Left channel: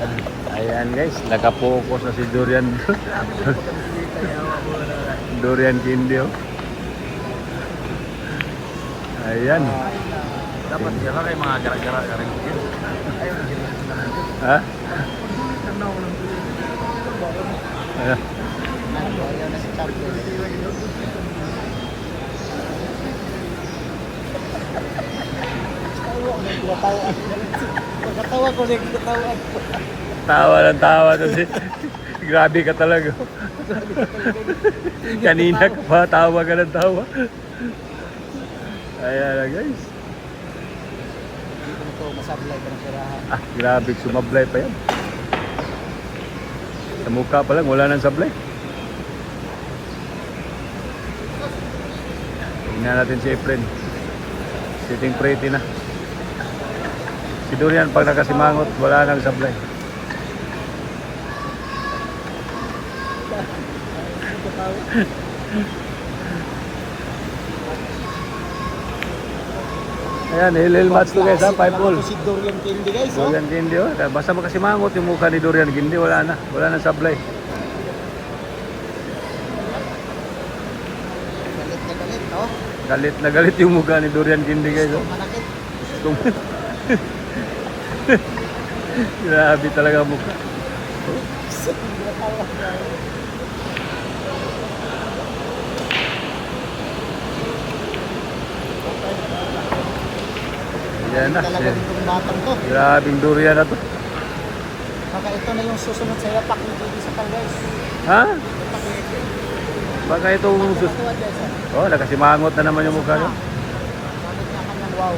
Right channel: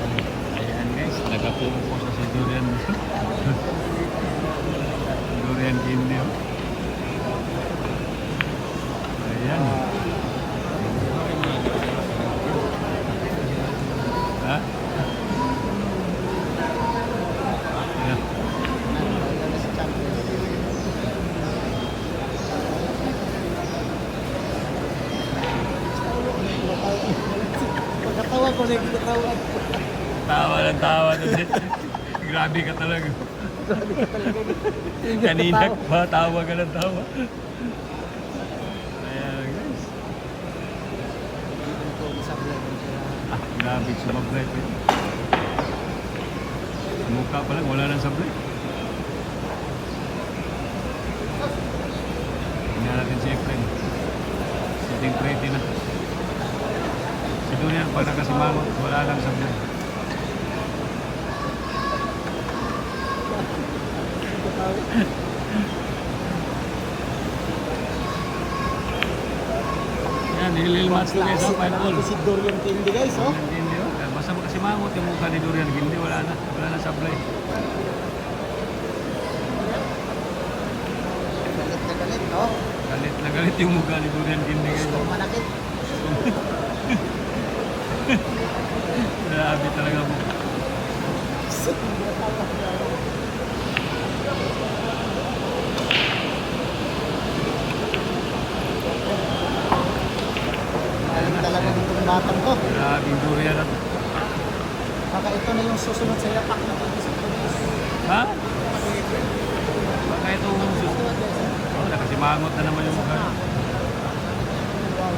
Ayan guys, nakapokus na si Durian. Durian Candy oh. Ayan. Dapat dyan kayo mga gara-gara ka rin. Ha? Ayan. Pagkatawa ko na katawa. Tawa ng tawa to. Grabe ka talaga. Kanina pa tawa ka ng tawa. Ayan na guys. Dito ko masablay ng tirahan. Ah, grabe, sumablay pa yan. Sa mukha pa lang, wala nang sablay. Tingnan natin si Efren. Sitting pretty na. Si Durian pag nakasimangot, wala nang sablay. Ayan, hilil match to guys ha, 5-all. Si Durian Candy guys, oh. Durian Gindi oh. Basta makasimangot yung mukha ni Durian Gindi, wala na. Wala nang sablay. Galit, oh. Galit na galit yung mukha ni Durian Gindi guys oh. Manakit. Grabe talaga mo. Yan na. Talaga ditong batang to. Grabing durian na to. Baka ito na yung susunod sa yapak ng TV sa guys. Ha? Baka ito umusot. Oh, nakasimangot na naman yung mukha niya. Wow.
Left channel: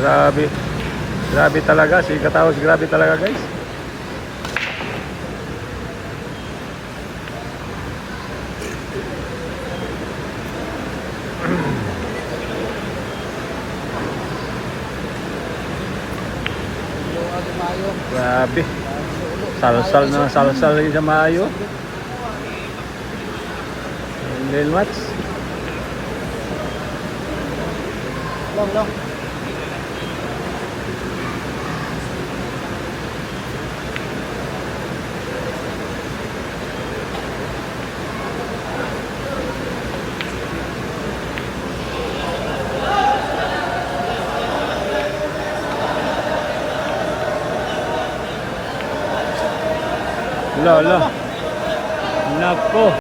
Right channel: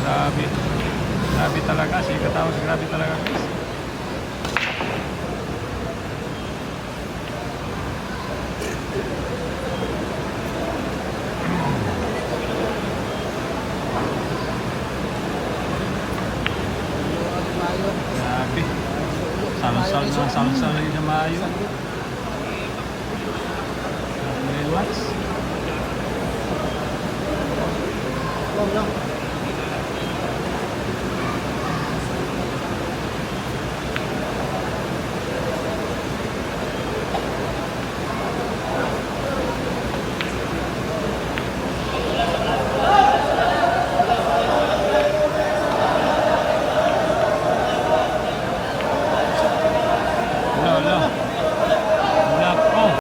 Grabe. Grabe talaga. Si Kataos, grabe talaga guys. Grabe. Salsal na salsal lagi sa maayo. Ngayon watch. Long.